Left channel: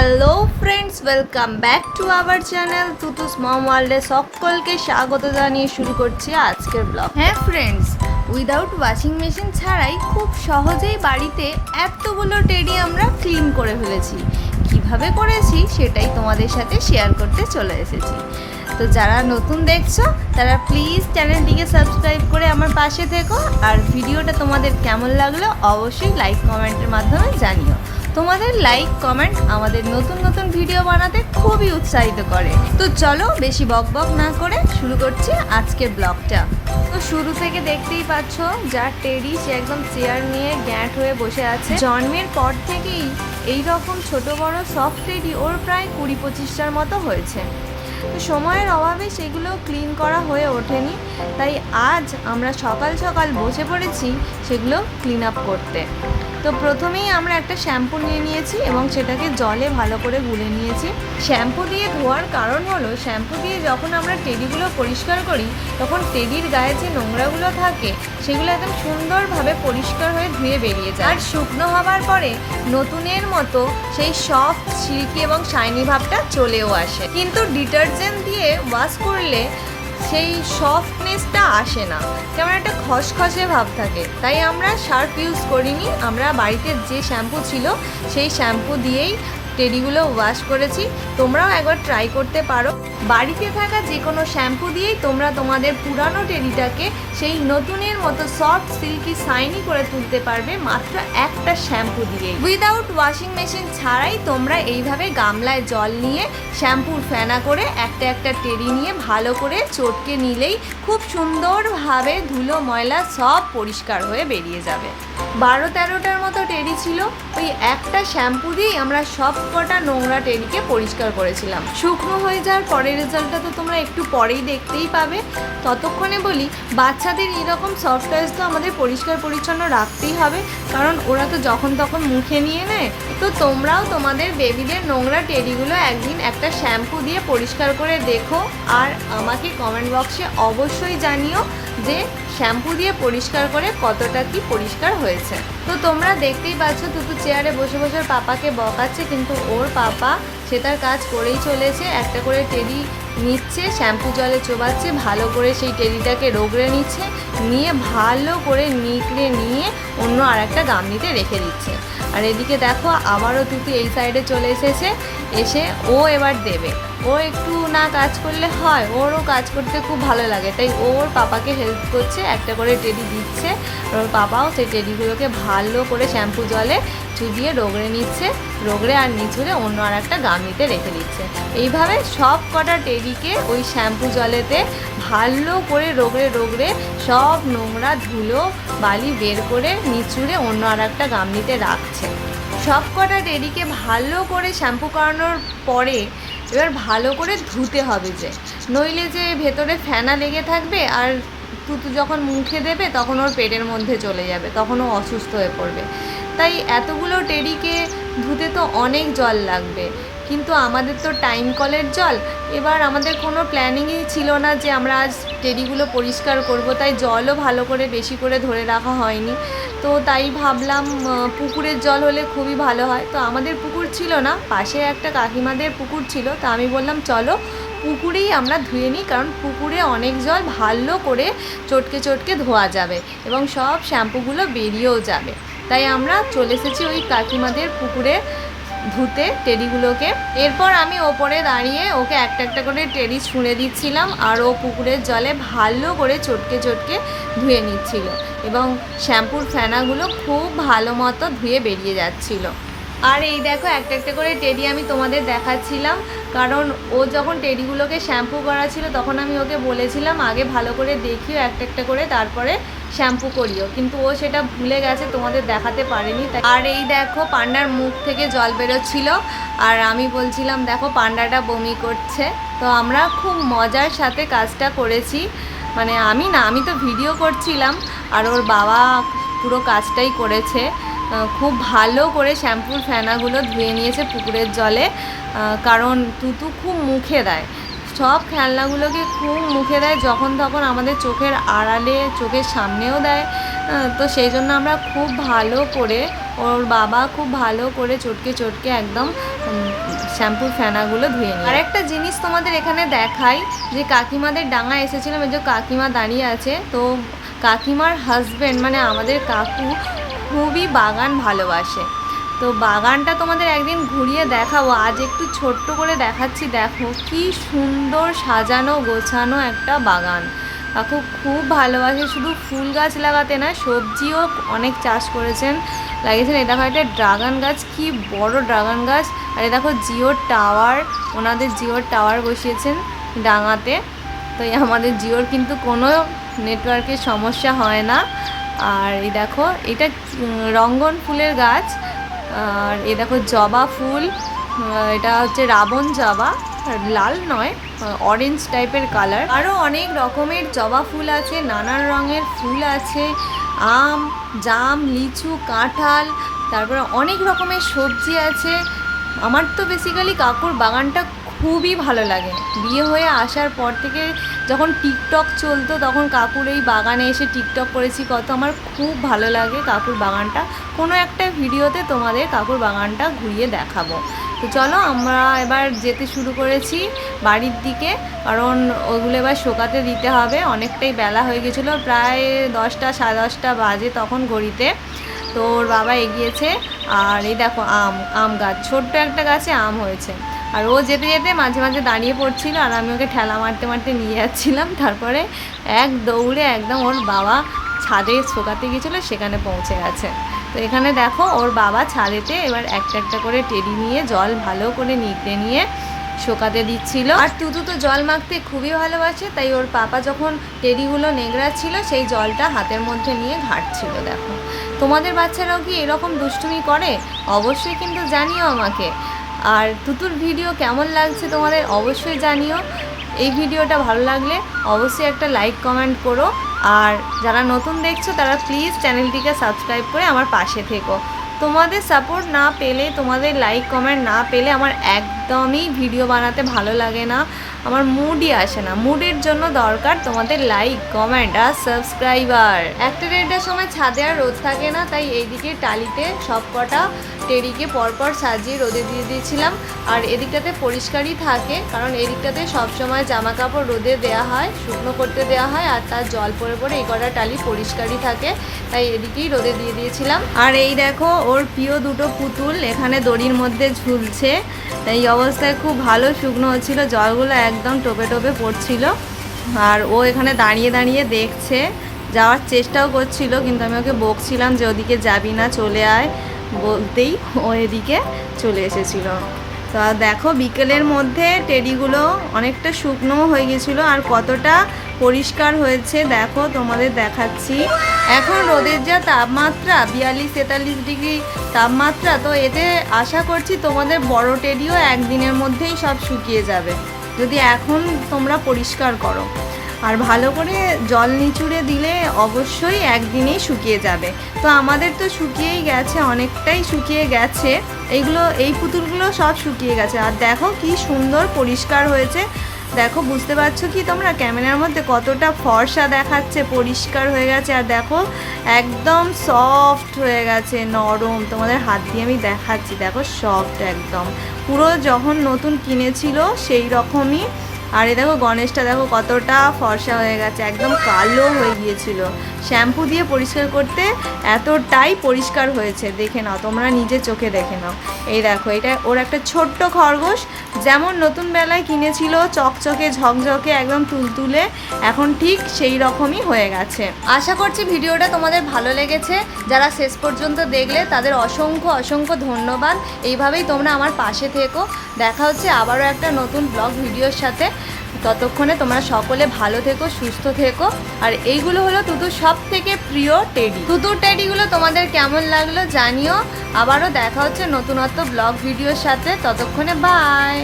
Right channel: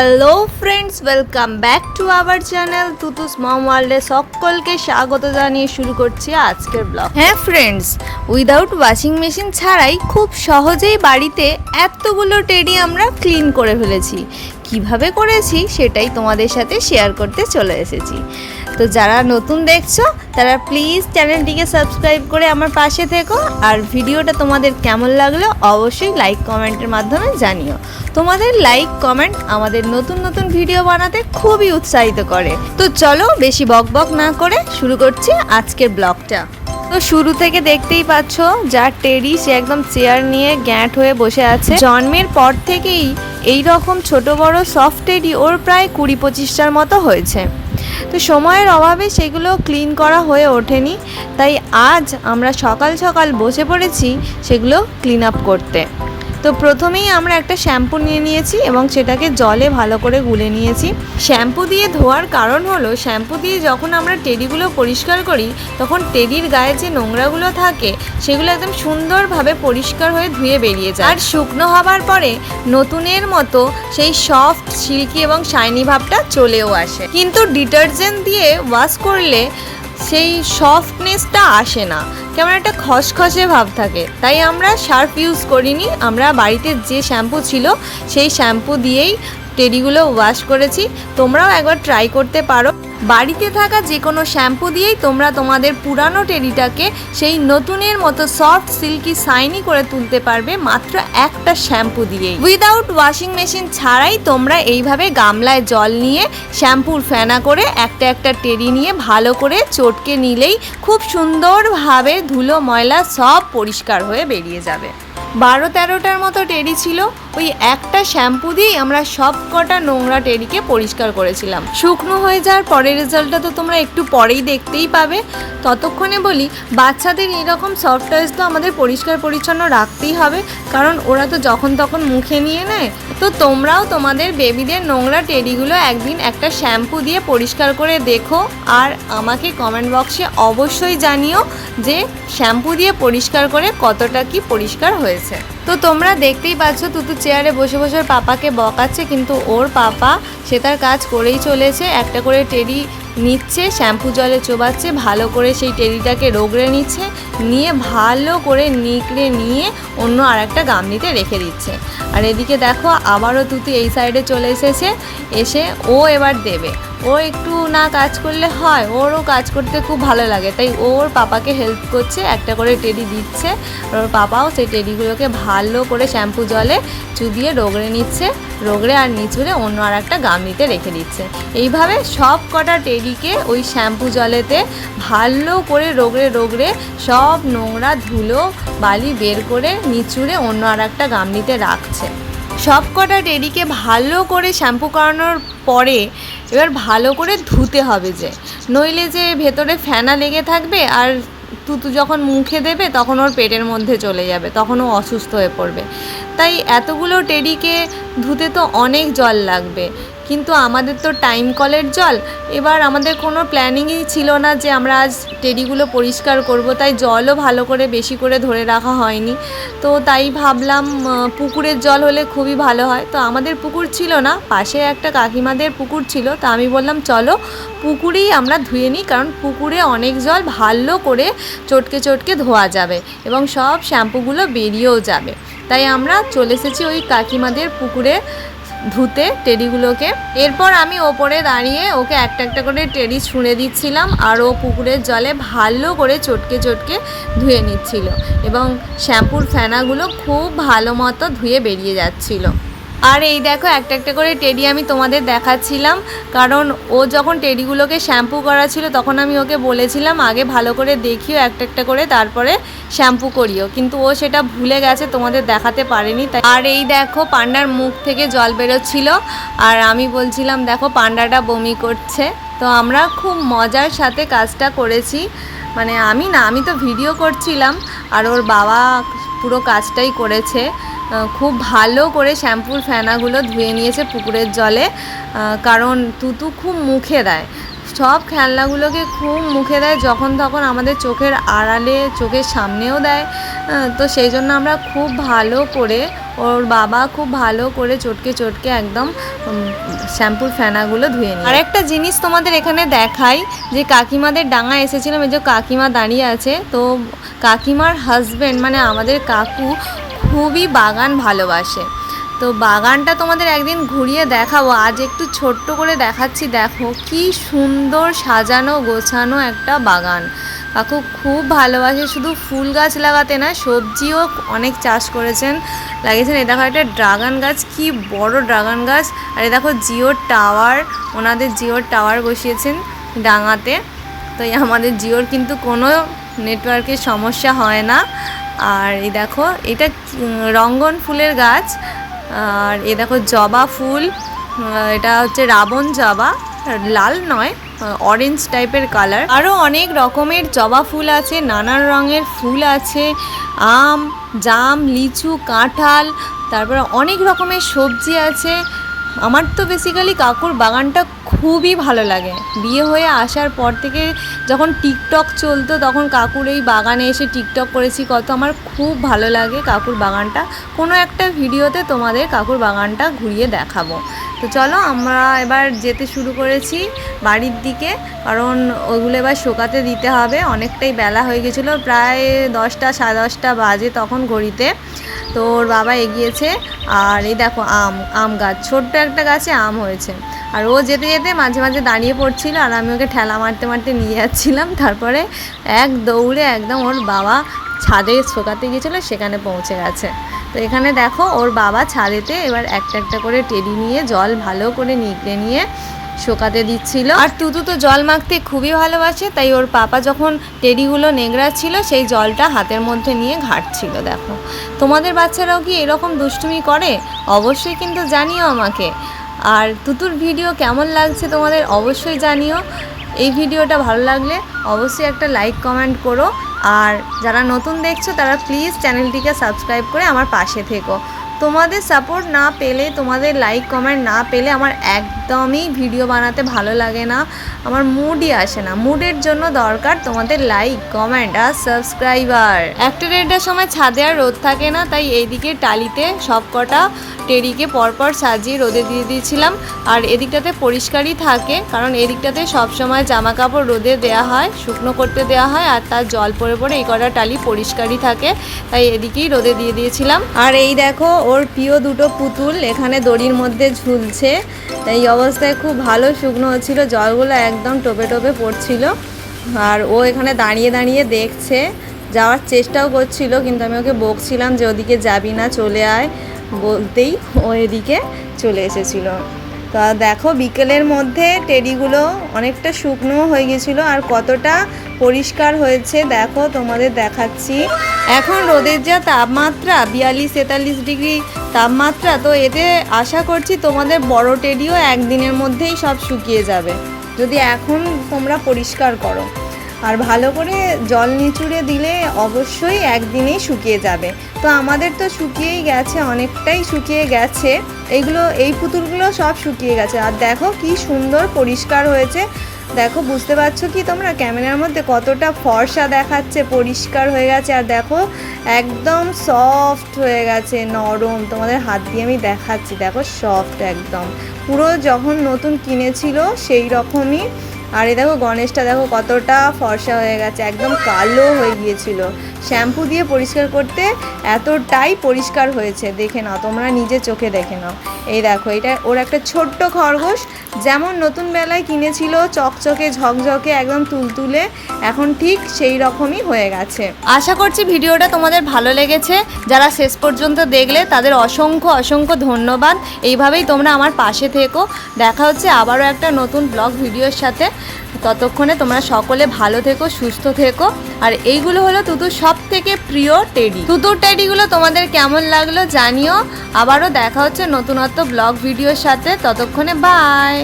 Hello friends, welcome back to our channel Tutus mom ওয়ার্ল্ডে সকলকে স্বাগত জানিয়ে শুরু করছি আজকের ব্লগ। হ্যাঁ ফ্রেন্ডস, উইদাউট ওয়াশিং মেশিন ছাড়াই খুব সহজেই বাড়িতে এতগুলো টেডি আমরা ক্লিন করে ফেলেছি। কিভাবে করেছি সেটাই তোমাদের সাথে শেয়ার করতে চলে এসেছি। তো যারা নতুন দেখছো তারা প্লিজ চ্যানেলটিকে সাবস্ক্রাইব করে আমার পাশে থেকো, আর ভিডিওটা তোমাদের কেমন লাগলো অবশ্যই লাইক কমেন্টের মাধ্যমে জানিও। তোমাদের লাইক কমেন্ট আমাদের নতুন নতুন ভিডিও বানাতে খুবই উৎসাহিত করে। তো চলো বেশি বকবক না করে শুরু করছি আজকের ব্লগটা। তো শুরু থেকে দেখতেই পাচ্ছ যার টেডি সে একদম চেয়ার নিয়ে গ্যাঁট হয়ে বসে আছে। জন্মের পর থেকেই এই রকম ছোট বড় সফট টেডি ওর প্রায় 20-25টার মতো হয়েছে। তো সময়ের অভাবে সেগুলো ক্লিন করা হয়ে ওঠেনি, তাই আজ আমরা সকাল সকাল বসে পড়েছি সেগুলো ক্লিন আপ করতে। তো প্রথমেই আমরা একটা শ্যাম্পু নিয়ে নিয়েছি এবং সেটাকে জলে ভালো করে গুলে নিয়েছি। শ্যাম্পু দিয়ে ধোয়ার কারণ হলো, শ্যাম্পু দিয়ে যখন আমরা টেডিগুলো পরিষ্কার করি তখন টেডির গায়ে যে নোংরাগুলো থাকে সেগুলো একদম সুন্দরভাবে পরিষ্কার হয়ে ধুয়ে বেরিয়ে যায়, আর শুকনো হবার পরে নতুনের মতো সেই সফট সিল্কি এবং শাইনি ভাবটা চলেও আসে। কিন্তু ডিটারজেন্ট দিয়ে ওয়াশ করলে সেই সফটনেসটা আসে না, কেমন একটা খসখসে ভাব থাকে। তাই আমরা সার্ফ ইউজ করিনি, আমরা বাড়িতে যে শ্যাম্পু ছিল সেই শ্যাম্পু দিয়েই টেডিগুলো ওয়াশ করেছি। তোমরাও একবার ট্রাই করতে পারো। বাড়িতে থাকা যে কোনো শ্যাম্পু দিয়েই তোমরা তোমাদের পুরানো টেডিটাকে সেই নতুনের মতো সফট সিল্কি শাইনি করে তুলতে পারবে মাত্র একটা শ্যাম্পু দিয়েই। উইদাউট ওয়াশিং মেশিন ছাড়াই তোমরা এইভাবে গামলায় জল নিয়ে শ্যাম্পুর ফেনা করে একটা একটা টেডি নিয়ে ভালো করে চটকে নিলেই খুব সুন্দরভাবে ধুলো ময়লা সব পরিষ্কার হয়ে বেরিয়ে যাবে। 12-13টার মতো টেডি ছিল, ওই একটা শ্যাম্পু দিয়েই আমরা সব কটা নোংরা টেডিকে পরিষ্কার করেছিলাম। শুকনো হয়ে যাওয়ার পরের রেজাল্টটা তো তোমরা একটু পরেই দেখতেই পাবে। ততক্ষণে বলি, বাচ্চাদের এরকম সফট টয়েস তো আমাদের পরিষ্কার পরিচ্ছন্ন রাখতেই হবে, কারণ ওরা তো যখন তখন মুখে নিয়ে নেয়। তো তোমরাও তোমাদের বেবিদের নোংরা টেডিগুলো একদিন একটা শ্যাম্পু দিয়ে পরিষ্কার করে দেখো, আর আমাকে কমেন্ট বক্সে অবশ্যই জানিও যে শ্যাম্পু দিয়ে পরিষ্কার করে কতটা কি পরিষ্কার হয়েছে। তো তোমরা দেখতেই পাচ্ছ তুতু চেয়ারে বসে বসে পাপাকে বকাচ্ছে, কিন্তু ওর পাপা সে তার কাজ করেই চলেছে। একটা করে টেডি নিচ্ছে, শ্যাম্পু জলে চোবাচ্ছে, ভালো করে সেই টেডিটাকে রগড়ে নিচ্ছে, নিয়ে ভালো করে নিকড়ে নিয়ে অন্য আর একটা গামলিতে রেখে দিচ্ছে। আর এদিকে দেখো আবারও তুতু এই সাইডে চলে এসেছে, এসে ও এবার দেবে। ও একটু না কাজ করলে হয়, ওরও কাজ করতে খুব ভালো লাগে, তাই ওর পাপাকে হেল্প করছে, একটা করে টেডি দিচ্ছে। ওর পাপাও সেই টেডিগুলোকে ভালো করে শ্যাম্পু জলে চুবিয়ে রগড়ে নিচ্ছে, রগড়ে আর নিচুড়ে অন্য আর একটা গামলিতে রেখে দিচ্ছে। এইভাবে সব কটা টেডিকে ওই শ্যাম্পু জলেতে ভালো করে রগড়ে রগড়ে সব নোংরা ধুলো বালি বের করে নিচুড়ে অন্য আর একটা গামলিতে রাখছে। সব কটা টেডিকে ভালো করে শ্যাম্পু করানোর পরে এবার ভালো করে ধুতে হবে, যে নইলে যে ভেতরে ফেনা লেগে থাকবে আর তুতু যখন মুখে দেবে তখন ওর পেটের মধ্যে চলে যাবে, তখন ও অসুস্থ হয়ে পড়বে। তাই এতগুলো টেডিকে ধুতে তো অনেক জল লাগবে, কিন্তু আমাদের তো টাইম কলের জল। এবার আমাদের কোনো প্ল্যানিংই ছিল না যে আমরা আজ টেডিগুলো পরিষ্কার করব, তাই জলও ভালো করে বেশি করে ধরে রাখা হয়নি। তো তাই ভাবলাম পুকুরের জল হলে খুবই ভালো হয়। তো আমাদের পুকুর ছিল না, পাশে একটা কাকিমাদের পুকুর ছিল। তো আমি বললাম চলো পুকুরেই আমরা ধুয়ে নিই, কারণ পুকুরে অনেক জল ভালো করে চটকে চটকে ধোয়া যাবে এবং সব শ্যাম্পুগুলো বেরিয়েও যাবে। তাই আমরা চলে এসেছি ওই কাকিমাদের পুকুরে ধুতে টেডিগুলোকে। এরপর আমি ওপরে দাঁড়িয়ে ওকে একটা একটা করে টেডি ছুঁড়ে দিচ্ছিলাম, আর ও পুকুরের জলে ভালো করে চটকে চটকে ধুয়ে নিচ্ছিল এবং শ্যাম্পুর ফেনাগুলো খুব ভালো মতো ধুয়ে বেরিয়ে যাচ্ছিল। আর এই দেখো একটা একটা করে টেডি আমি তোমাদের দেখাচ্ছিলাম, কারণ ও যখন টেডিগুলোকে শ্যাম্পু করা ছিল তখন আমি ওকে বলেছিলাম আগে ভালো করে দেখিও একটা একটা করে, তারপরে শ্যাম্পু করিও, কিন্তু ও সেটা ভুলে গেছে, তোমাদের দেখাতে পারেনি। আর এই দেখো পান্ডার মুখ থেকে জল বেরোচ্ছিল, আর আমি বলছিলাম দেখো পান্ডাটা বমি করছে। তো আমরা খুব মজার সাথে কাজটা করেছি, মানে আমি তো ভিডিও করছিলাম আর ওর বাবা পুরো কাজটাই করেছে। খুব ভালো করে শ্যাম্পুর ফেনাগুলো ধুয়ে নিয়েছে পুকুরের জলে, কারণ তুতু খুব মুখে দেয়, সব খেলনাগুলোকে খুব মুখে দেয়, যখন তখন আমাদের চোখের আড়ালে চোখের সামনেও দেয়। তো সেই জন্য আমরা খুব ভালো করে, ওর বাবা খুব ভালো করে চটকে চটকে একদম শ্যাম্পুর ফেনাগুলো ধুয়ে নিই। আর একটা জিনিস তোমাদের এখানে দেখাই, যে কাকিমাদের ডাঙা এসেছিলাম, এই যে কাকিমা দাঁড়িয়ে আছে, তো কাকিমার হাজব্যান্ড মানে আমাদের কাকু খুবই বাগান ভালোবাসে। তো বাগানটা তোমাদের একদিন ঘুরিয়ে দেখাবো, আজ একটু ছোট্ট করে দেখাচ্ছি। দেখো কি সুন্দর সাজানো গোছানো একটা বাগান। কাকু খুব ভালোবাসে শুধু ফুল গাছ লাগাতে না, সবজিও অনেক চাষ করেছেন, লাগিয়েছেন। এই দেখো একটা ড্রাগন গাছ, কি বড় ড্রাগন গাছ। আর এই দেখো জিওর টাওয়ার, ওনাদের জিওর টাওয়ার বসিয়েছেন ডাঙাতে। তো আমাদের জিওর কিন্তু কোনো নেটওয়ার্কের সমস্যা হয় না। আর এই দেখো এটা রঙ্গন ফুলের গাছ। আর এ দেখো জবা ফুল, এটা হচ্ছে রাবণ জবা, লাল নয়, অরেঞ্জ টাইপের কালার। আরও অনেক রকমের জবা ফুল আছে, নানান রঙের ফুল আছে, আম, জাম, লিচু, কাঁঠাল, তারপরে অনেক রকমের সবজি আছে। আমার তো বেসিক্যালি কাকুর বাগানটা খুবই ভালো লাগে। বিয়ে হয়ে আসার পর থেকে যখন টিকটক চলতো তখন কাকুর এই বাগানে এসে টিকটক করেছি কত, আমার খুব ভালো লাগে কাকুর বাগানটা। কোনো একটা ভিডিওতে তোমাদের কাকুর বাগানটা ঘুরিয়ে দেখাবো। তো চলো আমরা এবার যেতে শুরু করেছি বাড়ির দিকে, কারণ ওগুলো এবার শোকাতে দিতে হবে। অনেকটাই বেলা হয়ে গেছিলো, প্রায় 10টা সাড়ে 10টা বাজে তখন ঘড়িতে। তো ওর বাবা এগিয়েছে। আর এই দেখো আম গাছ, ছোট্ট একটা গাছে আম হয়েছে। আর ও যেতে যেতে মাঝে মাঝে দাঁড়িয়ে পড়ছিল, আর আমি ওকে ঠেলা মারতে মারতে নিয়ে যাচ্ছিলাম। তারপরে এক দৌড়ে একদম ওর বাবা ছাদে শোকাতে গিয়েছিলো, সেখানে পৌঁছে গেছে। তো এখানে দেখো ওর বাবা ছাদেতে এবার একটা একটা করে টেডি নিয়ে জল ভালো করে নিতে নিয়ে শোকাতে দিচ্ছিল। আর তুতু তো জল মাখতে খুবই ভালোবাসে, তাই ওর পাপা যখন টেডিগুলো নেংড়াচ্ছিল সেই জলটা হাতের মধ্যে নিয়ে ঘাঁটছিল। দেখো তোমাদের বাচ্চারাও কি এরকম দুষ্টুমি করে? অবশ্যই কিন্তু জানিও আমাকে। আর তুতুর ভিডিও কেমন লাগছে তোমাদের অবশ্যই জানিও। এই ভিডিওটা ভালো লাগলে অবশ্যই একটা লাইক কমেন্ট করো। আর যারা নতুন দেখছো তারা প্লিজ চ্যানেলটিকে সাবস্ক্রাইব করে আমার পাশে থেকো। তোমাদের সাপোর্ট না পেলে, তোমাদের লাইক কমেন্ট না পেলে আমার একদমই ভিডিও বানাতে ভালো লাগে না, আমার মুডই আসে না। মুডের জন্য দরকার তোমাদের লাইক কমেন্ট আর সাবস্ক্রাইবার। একটা দেড়টার সময় ছাদে আর রোদ থাকে না, তাই এইদিকে টালিতে সব কটা টেরিকে পরপর সাজিয়ে রোদে দিয়ে দিয়েছিলাম। আর এদিকটাতে পরিষ্কারই থাকে, কারণ এদিকটাতে সবসময় জামা কাপড় রোদে দেওয়া হয়, শুকনো করতে দেওয়া হয়, আর তার জল পড়ে পড়ে এই কটা টালি পরিষ্কারই থাকে, তাই এদিকেই রোদে দিয়ে দিয়েছিলাম। আর এই দেখো ওর প্রিয় দুটো পুতুল এখানে দড়ির মধ্যে ঝুলছে। এই অবস্থায় খুব ভালো শুকনো হচ্ছিলো, জলগুলো একদম টোপে টোপে পড়ছিল। আর ও এখানে দাঁড়িয়ে দাঁড়িয়ে দেখছে, যাওয়ার চেষ্টাও করছিল, কিন্তু আমি ওকে বকছিলাম যে ওদিকে যাবি না, চলে আয়, বলতেই ও এদিকে চলে এসেছিলো। তা দেখো বিকেলের মধ্যে টেডিগুলো অনেকটা শুকনো হয়ে গেছিলো, আর কতটা পরিষ্কার হয়েছে দেখো তোমাদের দেখাচ্ছি। এখন রোদের যা তাপমাত্রা 42-43 ডিগ্রি তাপমাত্রা, তো এতে আশা করছি তোমাদের বড় টেডিও একদিনের মধ্যেই সব শুকিয়ে যাবে, যদি এখন তোমরা পরিষ্কার করো। আর ভালো করে জল নিচুড়ে দিলে অবশ্যই একদিনেই শুকিয়ে যাবে। তো আমাদের তো শুকিয়েই গেছে, অনেকটাই শুকিয়ে গেছে। এই পুতুলগুলো সব শুকিয়ে গেছে। আর দেখো কি সুন্দর পরিষ্কার হয়েছে। দেখো বুঝতে পারছো কি তোমরা ক্যামেরার মধ্যে কতটা ফর্সা দেখাচ্ছে, পরিষ্কার হয়ে গেছে। আর দেখো একদম সফট হয়ে গেছে, নরম। তোমাদের হাত দিয়ে আমি দেখাচ্ছি, দেখো সফট একদম, পুরো যখন নতুন কিনেছিল সেই রকমই। আর এই দেখো গণেশটা দেখো কতটা ফর্সা হয়ে গেছে, একদম কালো হয়ে গিয়েছিল। শ্যাম্পু দিয়ে পরিষ্কার করতে এতটাই পরিষ্কার হয়েছে, দেখে নাও তোমরা নিজে চোখে দেখে নাও। এই দেখো এটা ওর একটা ছোট্ট খরগোশ, যেমন নতুন বেলায় কিনেছিল চকচকে ঝকঝকে একদম তুলতুলে, এখন ঠিক সেই রকমই হয়ে গেছে। আশা করছি ভিডিওটা তোমাদের ভালো লেগেছে। যারা শেষ পর্যন্ত দেখলে তাদের অসংখ্য অসংখ্য ধন্যবাদ। এইভাবেই তোমরা আমার পাশে থেকো। দেখা হচ্ছে আবারও একটা নতুন ব্লগ ভিডিওর সাথে। ততক্ষণে তোমরা সকলে ভালো থেকো, সুস্থ থেকো। আর এইগুলো হলো তুতুর সব থেকে প্রিয় টেডি। তুতুর টেডিগুলো তোমাদের কেমন লাগলো জানিও। আবারও দেখা হচ্ছে নতুনত্ব ব্লগ ভিডিওর সাথে। ততক্ষণে বাই।